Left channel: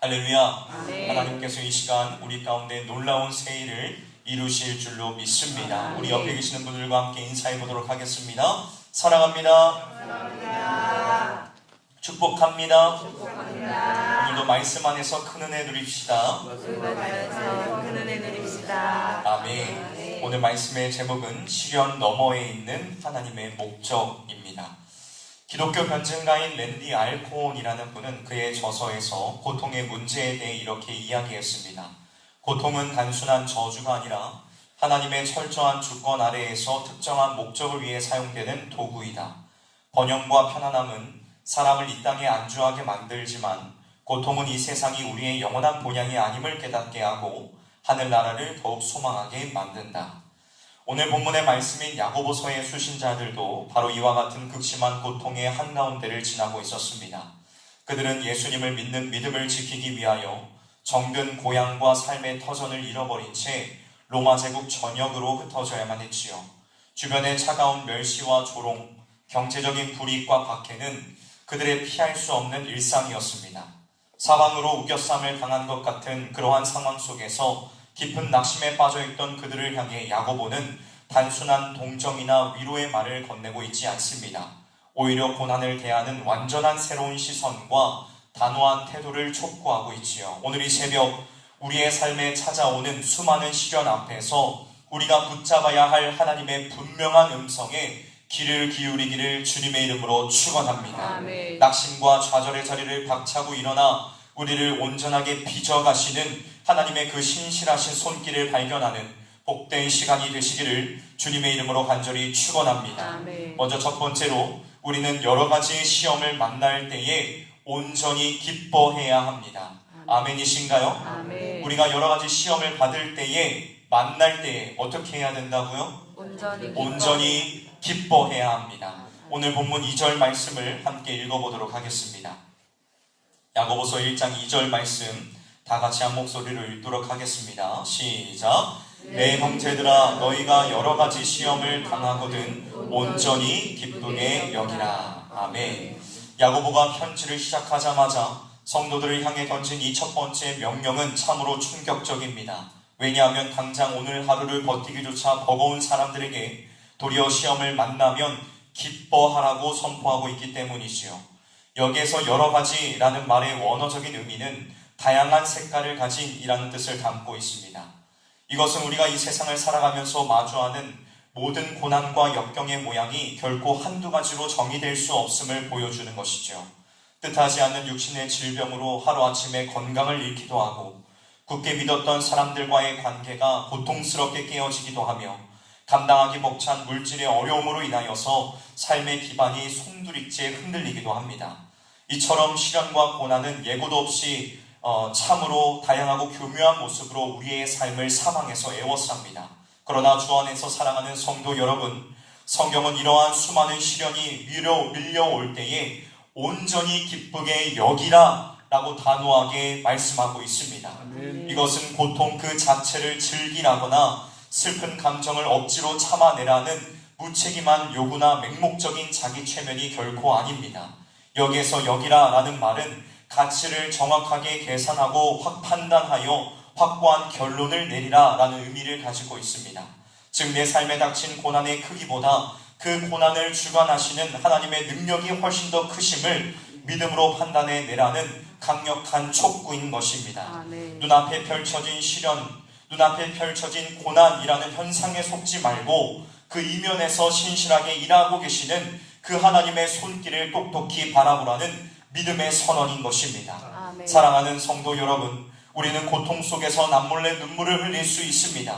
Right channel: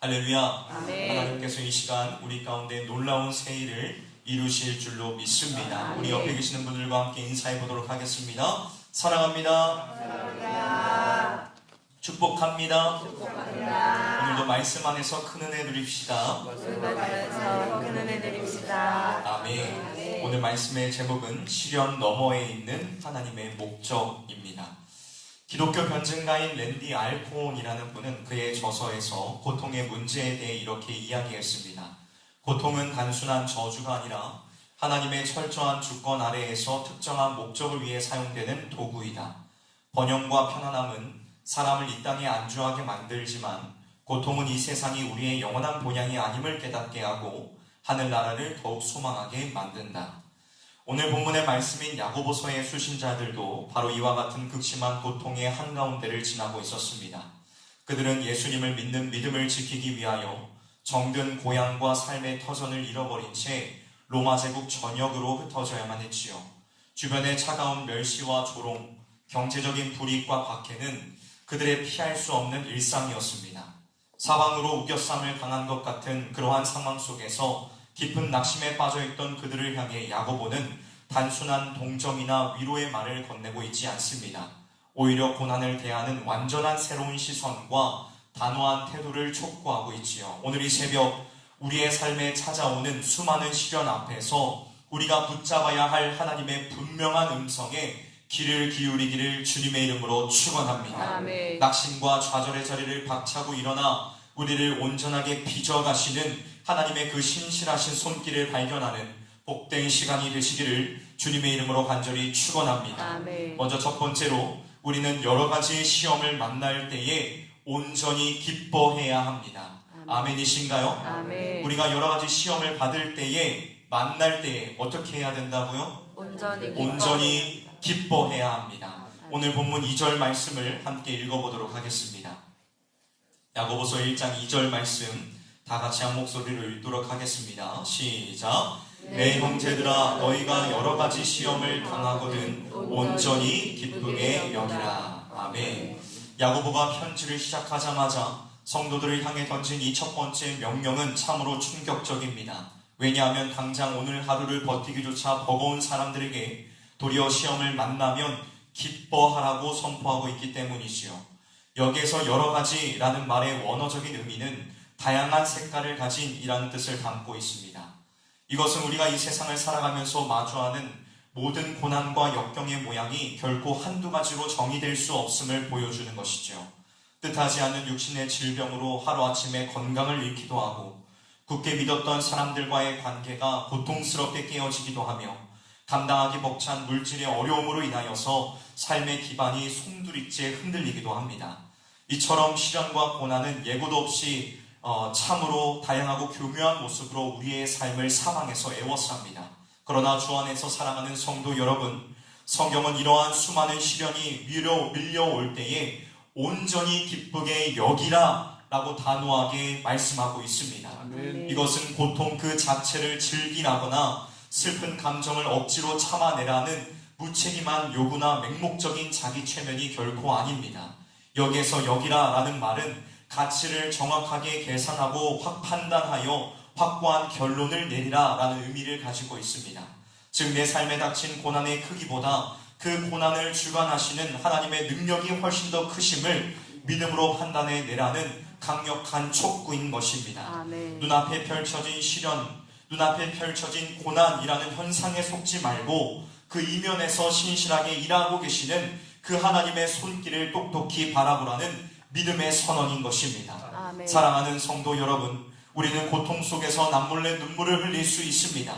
할렐루야. 네. 하나님께서 이 시간 우리 가운데 놀라운 새 일을 이루실 줄로 믿습니다. 우리 옆에 계시는 분들과 함께 인사해 보도록 하겠습니다. 사랑합니다. 축복합니다. 오늘도 말씀 안에서 큰 은혜 누립시다. 아멘. 오늘 말씀의 제목은 시련 너머에 있는 하나님의 목적입니다. 기독교 변증가인 랜디 알콘이라는 분은 그의 저서에서 고통의 문제에 대해 이렇게 이야기했습니다. 고통은 단순한 저주가 아니라 하나님의 철저한 주권 아래에서 특정한 목적을 위해 사용되는 도구이다. 번영과 편안함은 사람을 이 땅에 안주하게 만들지만 고통은 이 세상이 우리의 영원한 본향이 아님을 깨닫게 하고 하늘나라를 더욱 소망하게 만든다. 오늘 본문의 말씀인 야고보서의 수신자들도 바로 이와 같은 극심한 고통의 한가운데를 지나고 있었습니다. 그들은 예수님을 믿는 믿음을 지키기 위하여 정든 고향과 삶의 터전을 잃어버린 채 로마 제국 전역으로 흩어져야만 했지요. 주변의 차가운 멸시와 조롱, 경제적인 불이익과 박해는 그들의 피할 수 없는 일상이었습니다. 사방으로 우겨쌈을 당한 것 같은 그러한 상황 속에서 깊은 낙심에 빠져있던 그들을 향해 야고보는 단순한 동정이나 위로의 말을 건네고 있지 않습니다. 오히려 고난을 대하는 완전한 새로운 시선과 단호한 태도를 촉구하고 있지요. 오늘 이 새벽 우리의 삶에 찾아오는 수많은 시련 앞에서 우리가 붙잡아야 할 하나님의 분명한 음성에 귀를 기울이기를 주님의 이름으로 축원합니다. 아멘. 낙심과 좌절의 자리를 박차고 일어나 우리를 온전하게 빚어가시는 하나님의 그 신실하신 손길을 발견하는 복된 시간이 되시기를 주님의 이름으로 간절히 축원합니다. 아멘. 먼저 첫 번째로 우리는 여러 가지의 시험을 만날 때에 온전히 기뻐해야 합니다. 아멘이신가요? 아멘. 우리가 여러 가지 시험을 받을 때에 만날 때에 어떻게 해야 된다고요? 온전히 기뻐해야 합니다. 오늘 본문 2절 말씀을 함께 읽어보도록 하겠습니다. 야고보서 1장 2절 말씀 다 같이 한 목소리로 읽도록 하겠습니다. 시작. 내 형제들아 너희가 여러 가지 시험을 당하거든 온전히 기쁘게 여기라. 아멘. 야고보가 편지를 시작하자마자 성도들을 향해 던진 이 첫 번째 명령은 참으로 충격적입니다. 왜냐하면 당장 오늘 하루를 버티기조차 버거운 사람들에게 도리어 시험을 만나면 기뻐하라고 선포하고 있기 때문이지요. 여기에서 여러 가지라는 말의 원어적인 의미는 다양한 색깔을 가진 이라는 뜻을 담고 있습니다. 이것은 우리가 이 세상을 살아가면서 마주하는 모든 고난과 역경의 모양이 결코 한두 가지로 정의될 수 없음을 보여주는 것이죠. 뜻하지 않는 육신의 질병으로 하루아침에 건강을 잃기도 하고 굳게 믿었던 사람들과의 관계가 고통스럽게 깨어지기도 하며 감당하기 벅찬 물질의 어려움으로 인하여서 삶의 기반이 송두리째 흔들리기도 합니다. 이처럼 시련과 고난은 예고도 없이 참으로 다양하고 교묘한 모습으로 우리의 삶을 사방에서 에워쌉니다. 그러나 주 안에서 사랑하는 성도 여러분, 성경은 이러한 수많은 시련이 밀려올 때에 온전히 기쁘게 여기라 라고 단호하게 말씀하고 있습니다. 이것은 고통 그 자체를 즐기라거나 슬픈 감정을 억지로 참아내라는 무책임한 요구나 맹목적인 자기 최면이 결코 아닙니다. 여기에서 여기라 라는 말은 가치를 정확하게 계산하고 확 판단하여 확고한 결론을 내리라 라는 의미를 가지고 있습니다. 즉 내 삶에 닥친 고난의 크기보다 그 고난을 주관하시는 하나님의 능력이 훨씬 더 크심을 믿음으로 판단해 내라는 강력한 촉구인 것입니다. 아멘. 눈앞에 펼쳐진 시련, 눈앞에 펼쳐진 고난이라는 현상에 속지 말고 그 이면에서 신실하게 일하고 계시는 그 하나님의 손길을 똑똑히 바라보라는 믿음의 선언인 것입니다. 아멘. 사랑하는 성도 여러분, 우리는 고통 속에서 남몰래 눈물을 흘릴 수 있습니다.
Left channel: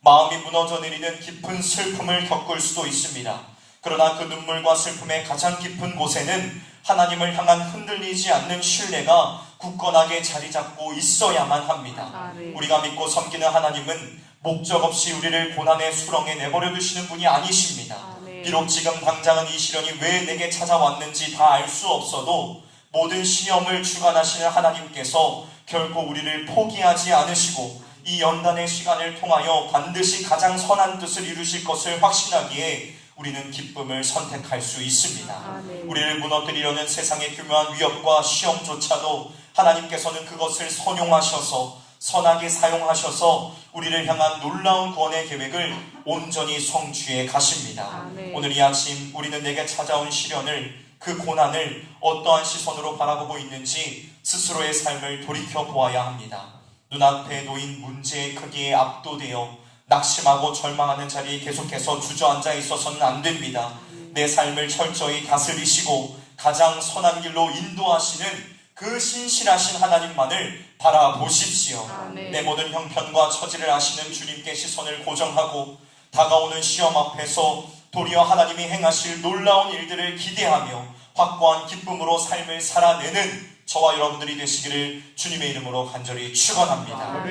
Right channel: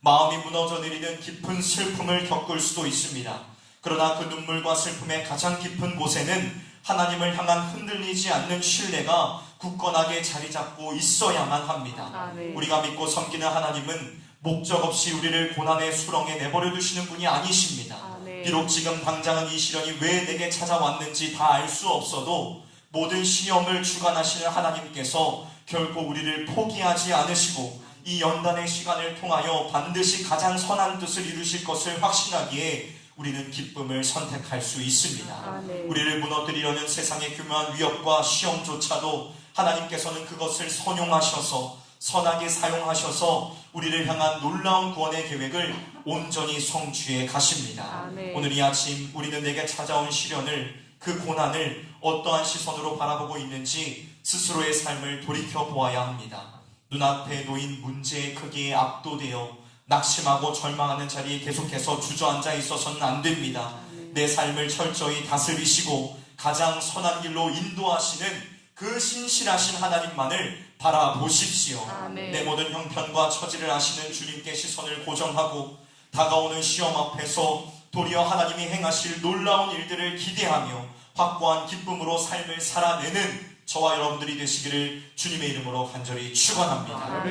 마음이 무너져 내리는 깊은 슬픔을 겪을 수도 있습니다. 그러나 그 눈물과 슬픔의 가장 깊은 곳에는 하나님을 향한 흔들리지 않는 신뢰가 굳건하게 자리 잡고 있어야만 합니다. 아멘. 우리가 믿고 섬기는 하나님은 목적 없이 우리를 고난의 수렁에 내버려 두시는 분이 아니십니다. 아멘. 비록 지금 당장은 이 시련이 왜 내게 찾아왔는지 다 알 수 없어도 모든 시험을 주관하시는 하나님께서 결코 우리를 포기하지 않으시고 이 연단의 시간을 통하여 반드시 가장 선한 뜻을 이루실 것을 확신하기에 우리는 기쁨을 선택할 수 있습니다. 아멘. 우리를 무너뜨리려는 세상의 교묘한 위협과 시험조차도 하나님께서는 그것을 선용하셔서 선하게 사용하셔서 우리를 향한 놀라운 구원의 계획을 온전히 성취해 가십니다. 오늘 이 아침 우리는 내게 찾아온 시련을, 그 고난을 어떠한 시선으로 바라보고 있는지 스스로의 삶을 돌이켜 보아야 합니다. 눈앞에 놓인 문제의 크기에 압도되어 낙심하고 절망하는 자리에 계속해서 주저앉아 있어서는 안 됩니다. 내 삶을 철저히 다스리시고 가장 선한 길로 인도하시는 그 신실하신 하나님만을 바라보십시오. 내 모든 형편과 처지를 아시는 주님께 시선을 고정하고 다가오는 시험 앞에서 도리어 하나님이 행하실 놀라운 일들을 기대하며 확고한 기쁨으로 삶을 살아내는 저와 여러분들이 되시기를 주님의 이름으로 간절히 축원합니다.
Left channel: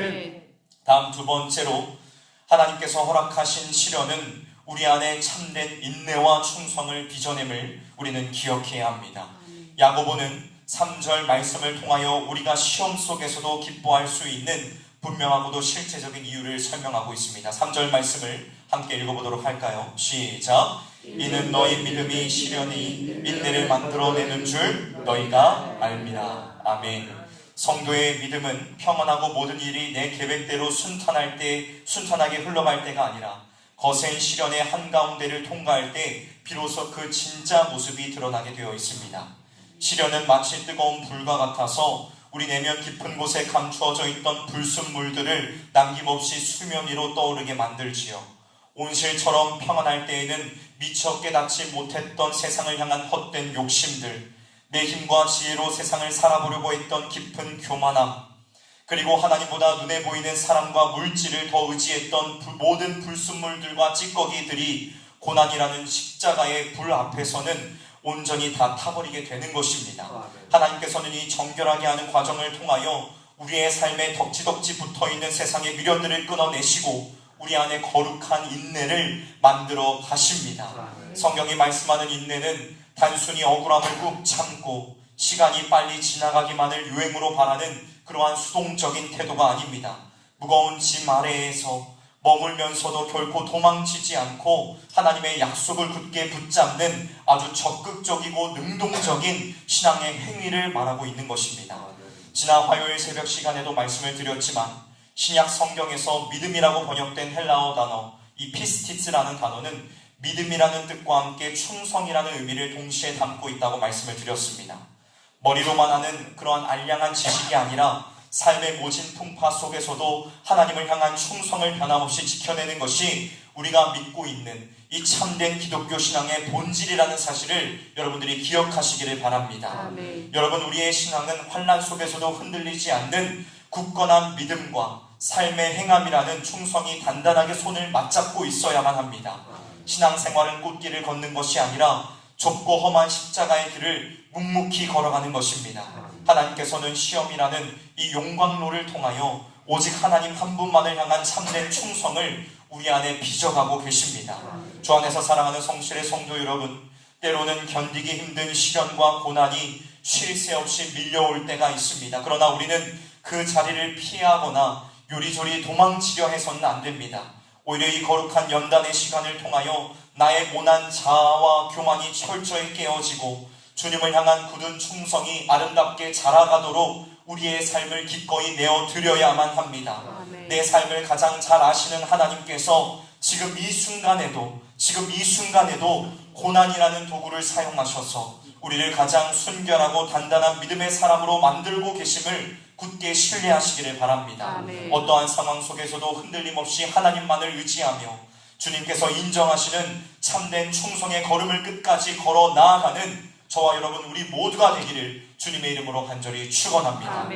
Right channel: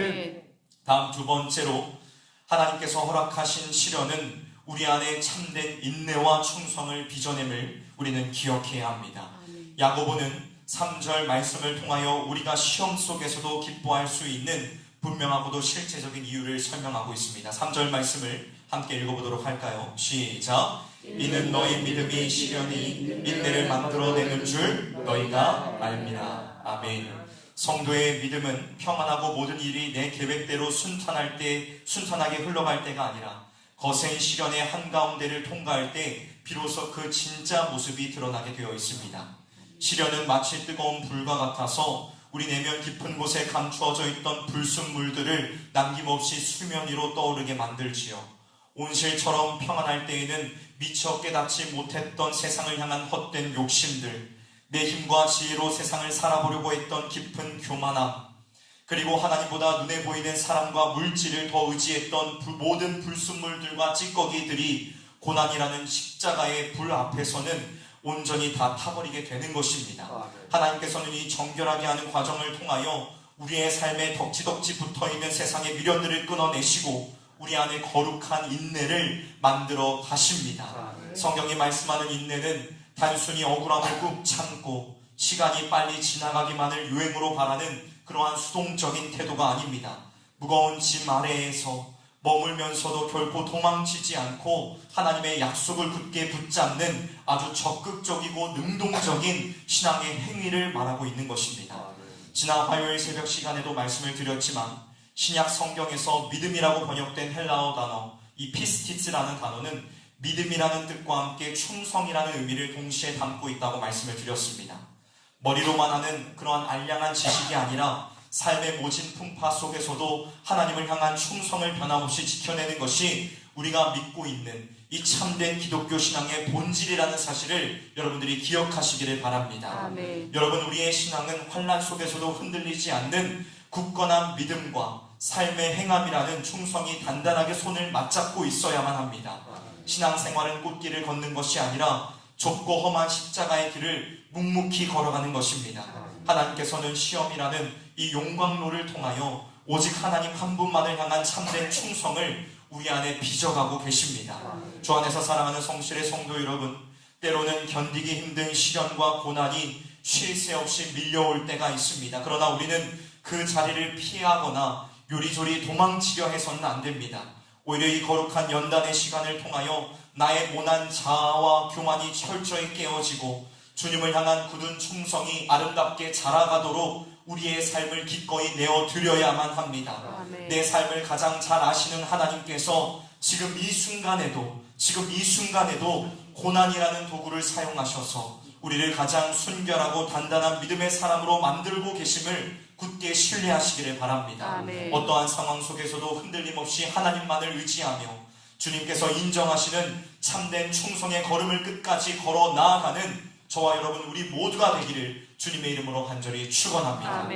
다음 두 번째로 하나님께서 허락하신 시련은 우리 안에 참된 인내와 충성을 빚어냄을 우리는 기억해야 합니다. 야고보는 3절 말씀을 통하여 우리가 시험 속에서도 기뻐할 수 있는 분명하고도 실제적인 이유를 설명하고 있습니다. 3절 말씀을 함께 읽어보도록 할까요? 시작! 이는 너희 믿음이 시련이 인내를 만들어내는 줄 너희가 알미라. 아멘. 성도의 믿음은 평안하고 모든 일이 내 계획대로 순탄하게 흘러갈 때가 아니라 거센 시련의 한가운데를 통과할 때 비로소 그 진짜 모습이 드러나게 되어 있습니다. 시련은 마치 뜨거운 불과 같아서 우리 내면 깊은 곳에 감추어져 있던 불순물들을 남김없이 수면 위로 떠오르게 만들지요. 온실처럼 평안할 때에는 미처 깨닫지 못했던 세상을 향한 헛된 욕심들, 내 힘과 지혜로 세상을 살아보려고 했던 깊은 교만함, 그리고 하나님보다 눈에 보이는 사람과 물질을 더 의지했던 모든 불순물들과 찌꺼기들이 고난이라는 십자가의 불 앞에서는 온전히 다 타버리게 되는 것입니다. 하나님께서는 이 정결하게 하는 과정을 통하여 우리의 삶에 덕지덕지 붙어있는 세상의 미련들을 끊어내시고 우리 안에 거룩한 인내를 만들어 가십니다. 성경이 말씀하는 인내는 단순히 억울함을 꾹 참고 시간이 빨리 지나가기만을 유행으로 바라는 그러한 수동적인 태도가 아닙니다. 무거운 짐 아래에서 머물면서도 결코 도망치지 않고 하나님의 약속을 굳게 붙잡는 아주 적극적이고 능동적인 신앙의 행위를 말하고 있는 것입니다. 지난 화요일 새벽 시간에도 말씀을 드렸지만 신약 성경에서 믿음이라고 번역된 헬라어 단어 이 피스티츠라는 단어는 믿음이라는 뜻과 함께 충성이라는 의미를 동시에 담고 있다고 말씀을 드렸습니다. 머리로만 하는 그러한 알량한 지식이 아니라 삶의 모진 풍파 속에서도 하나님을 향한 충성을 변함없이 지켜내는 것이 우리가 믿고 있는 이 참된 기독교 신앙의 본질이라는 사실을 여러분들이 기억하시기를 바랍니다. 여러분, 우리의 신앙은 환난 속에서도 흔들리지 않는 굳건한 믿음과 삶의 행함이라는 충성이 단단하게 손을 맞잡고 있어야만 합니다. 신앙생활은 꽃길을 걷는 것이 아니라 좁고 험한 십자가의 길을 묵묵히 걸어가는 것입니다. 하나님께서는 시험이라는 이 용광로를 통하여 오직 하나님 한 분만을 향한 참된 충성을 우리 안에 빚어가고 계십니다. 주 안에서 사랑하는 성실의 성도 여러분, 때로는 견디기 힘든 시련과 고난이 쉴 새 없이 밀려올 때가 있습니다. 그러나 우리는 그 자리를 피하거나 요리조리 도망치려 해서는 안 됩니다. 오히려 이 거룩한 연단의 시간을 통하여 나의 모난 자아와 교만이 철저히 깨어지고 주님을 향한 굳은 충성이 아름답게 자라가도록 우리의 삶을 기꺼이 내어드려야만 합니다. 내 삶을 가장 잘 아시는 하나님께서 지금 이 순간에도 고난이라는 도구를 사용하셔서 우리를 가장 순결하고 단단한 믿음의 사람으로 만들고 계심을 굳게 신뢰하시기를 바랍니다. 어떠한 상황 속에서도 흔들림 없이 하나님만을 의지하며 주님께서 인정하시는 참된 충성의 걸음을 끝까지 걸어 나아가는 저와 여러분 우리 모두가 되기를 주님의 이름으로 간절히 축원합니다.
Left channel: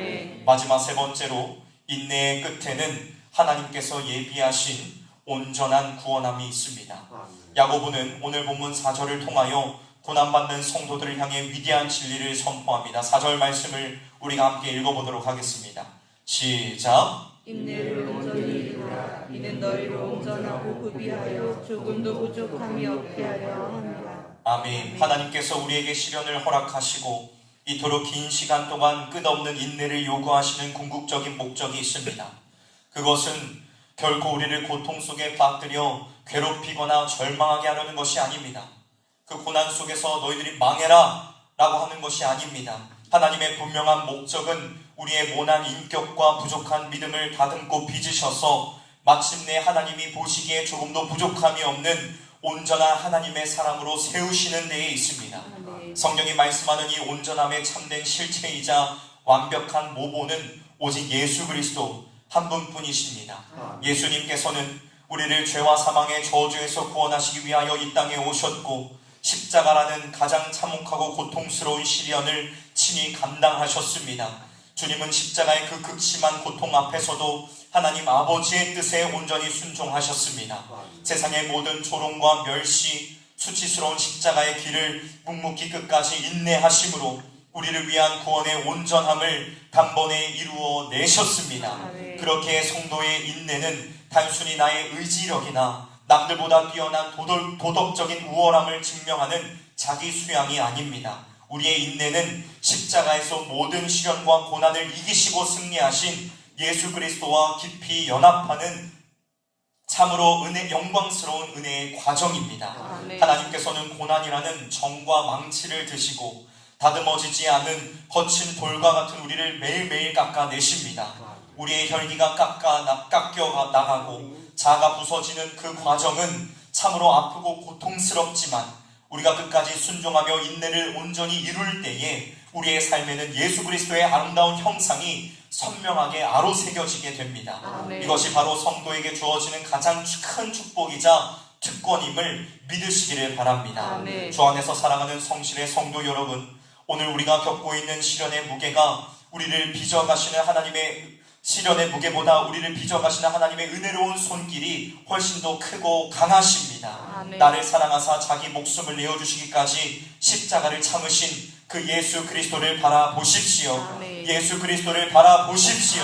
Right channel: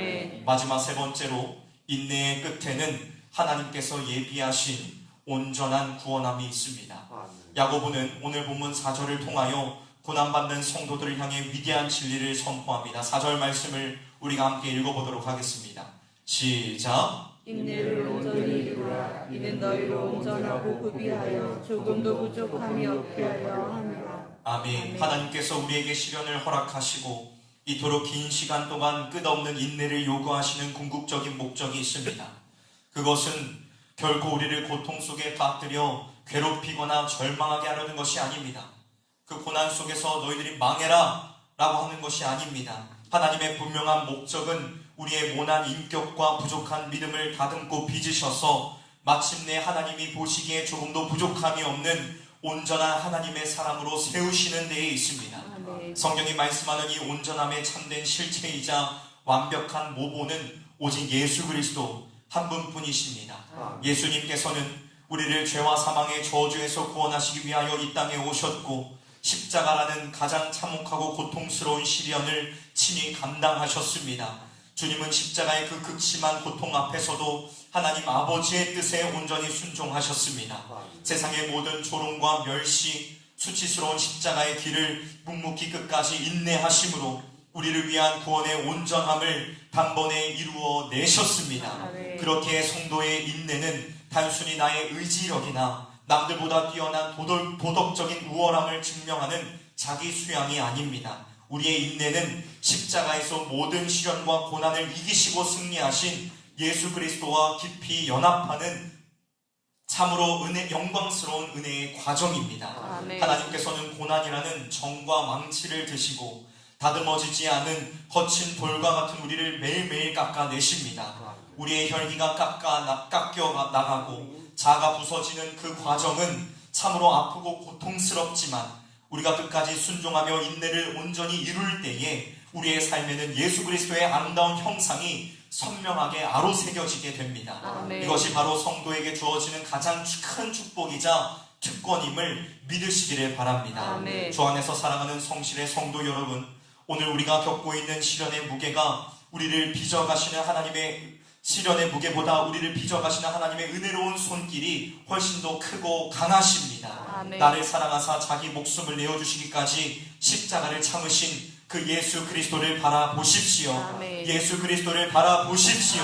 마지막 세 번째로 인내의 끝에는 하나님께서 예비하신 온전한 구원함이 있습니다. 야고보는 오늘 본문 4절을 통하여 고난받는 성도들을 향해 위대한 진리를 선포합니다. 4절 말씀을 우리가 함께 읽어보도록 하겠습니다. 시작! 인내를 온전히 이루라. 이는 너희로 온전하고 구비하여 조금도 부족함이 없게 하려 함이라. 아멘. 하나님께서 우리에게 시련을 허락하시고 이토록 긴 시간 동안 끝없는 인내를 요구하시는 궁극적인 목적이 있습니다. 그것은 결코 우리를 고통 속에 빠뜨려 괴롭히거나 절망하게 하려는 것이 아닙니다. 그 고난 속에서 너희들이 망해라 라고 하는 것이 아닙니다. 하나님의 분명한 목적은 우리의 모난 인격과 부족한 믿음을 다듬고 빚으셔서 마침내 하나님이 보시기에 조금도 부족함이 없는 온전한 하나님의 사람으로 세우시는 데에 있습니다. 성경이 말씀하는 이 온전함의 참된 실체이자 완벽한 모본은 오직 예수 그리스도 한 분뿐이십니다. 예수님께서는 우리를 죄와 사망의 저주에서 구원하시기 위하여 이 땅에 오셨고 십자가라는 가장 참혹하고 고통스러운 시련을 친히 감당하셨습니다. 주님은 십자가의 그 극심한 고통 앞에서도 하나님 아버지의 뜻에 온전히 순종하셨습니다. 세상의 모든 조롱과 멸시, 수치스러운 십자가의 길을 묵묵히 끝까지 인내하심으로 우리를 위한 구원의 온전함을 단번에 이루어 내셨습니다. 그렇게 성도의 인내는 단순히 나의 의지력이나 남들보다 뛰어난 도덕적인 우월함을 증명하는 자기 수양이 아닙니다. 우리의 인내는 십자가에서 모든 시련과 고난을 이기시고 승리하신 예수 그리스도와 깊이 연합하는 참으로 영광스러운 은혜의 과정입니다. 하나님께서는 고난이라는 정과 망치를 드시고 다듬어지지 않은 거친 돌과 같은 우리를 매일매일 깎아내십니다. 우리의 혈기가 깎여 나가고 자아가 부서지는 그 과정은 참으로 아프고 고통스럽지만 우리가 끝까지 순종하며 인내를 온전히 이룰 때에 우리의 삶에는 예수 그리스도의 아름다운 형상이 선명하게 아로새겨지게 됩니다. 이것이 바로 성도에게 주어지는 가장 큰 축복이자 특권임을 믿으시기를 바랍니다. 주 안에서 사랑하는 성실의 성도 여러분, 오늘 우리가 겪고 있는 시련의 무게가 우리를 빚어가시는 하나님의 시련의 무게보다 우리를 빚어가시는 하나님의 은혜로운 손길이 훨씬 더 크고 강하십니다. 나를 사랑하사 자기 목숨을 내어주시기까지 십자가를 참으신 그 예수 그리스도를 바라보십시오. 예수 그리스도를 바라보십시오.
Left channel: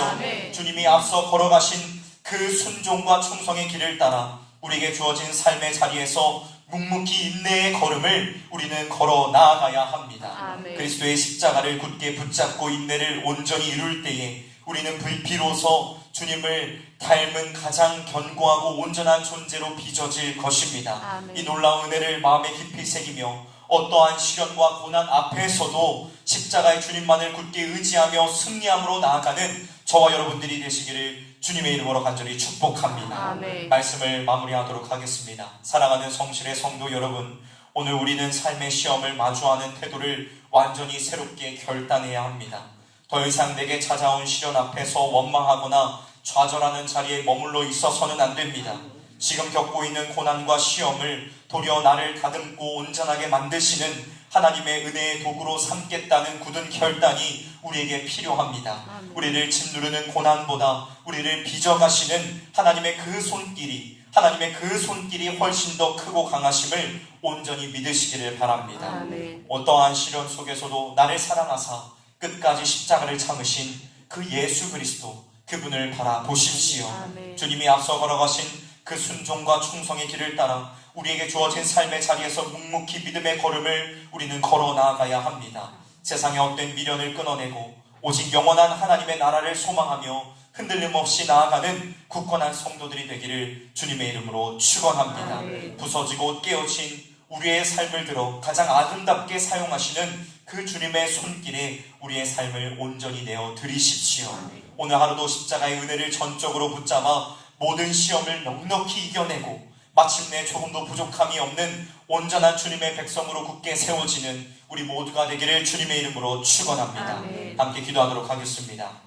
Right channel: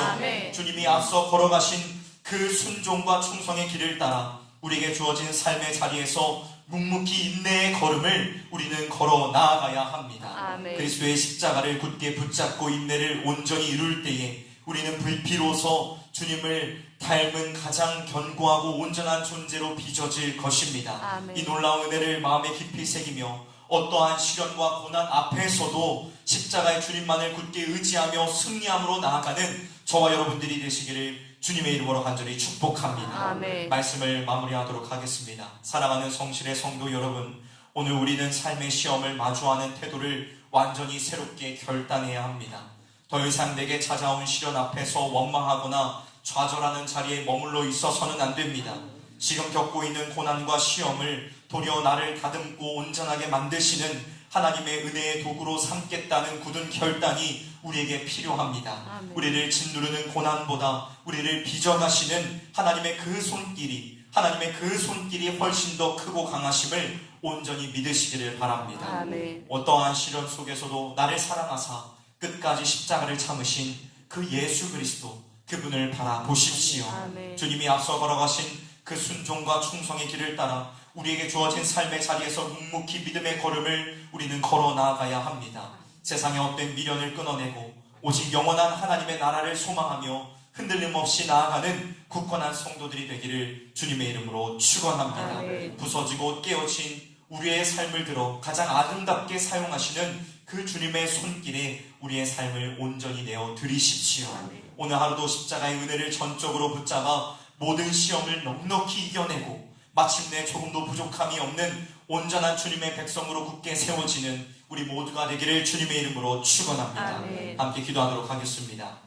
주님이 앞서 걸어가신 그 순종과 충성의 길을 따라 우리에게 주어진 삶의 자리에서 묵묵히 인내의 걸음을 우리는 걸어 나아가야 합니다. 그리스도의 십자가를 굳게 붙잡고 인내를 온전히 이룰 때에 우리는 비로소 주님을 닮은 가장 견고하고 온전한 존재로 빚어질 것입니다. 이 놀라운 은혜를 마음에 깊이 새기며 어떠한 시련과 고난 앞에서도 십자가의 주님만을 굳게 의지하며 승리함으로 나아가는 저와 여러분들이 되시기를 주님의 이름으로 간절히 축복합니다. 말씀을 마무리하도록 하겠습니다. 사랑하는 성실의 성도 여러분, 오늘 우리는 삶의 시험을 마주하는 태도를 완전히 새롭게 결단해야 합니다. 더 이상 내게 찾아온 시련 앞에서 원망하거나 좌절하는 자리에 머물러 있어서는 안 됩니다. 지금 겪고 있는 고난과 시험을 도리어 나를 다듬고 온전하게 만드시는 하나님의 은혜의 도구로 삼겠다는 굳은 결단이 우리에게 필요합니다. 우리를 짓누르는 고난보다 우리를 빚어가시는 하나님의 그 손길이 훨씬 더 크고 강하심을 온전히 믿으시기를 바랍니다. 어떠한 시련 속에서도 나를 사랑하사 끝까지 십자가를 참으신 그 예수 그리스도, 그분을 바라보십시오. 주님이 앞서 걸어가신 그 순종과 충성의 길을 따라 우리에게 주어진 삶의 자리에서 묵묵히 믿음의 걸음을 우리는 걸어 나아가야 합니다. 세상의 어떤 미련을 끊어내고 오직 영원한 하나님의 나라를 소망하며 흔들림 없이 나아가는 굳건한 성도들이 되기를 주님의 이름으로 축원합니다. 부서지고 깨어진 우리의 삶을 들어 가장 아름답게 사용하시는 그 주님의 손길에 우리의 삶을 온전히 내어 드리십시오. 오늘 하루도 십자가의 은혜를 전적으로 붙잡아 모든 시험을 넉넉히 이겨내고 마침내 조금도 부족함이 없는 온전한 주님의 백성으로 굳게 세워지는 우리 모두가 되기를 주님의 이름으로 축원합니다. 함께 기도하도록 하겠습니다.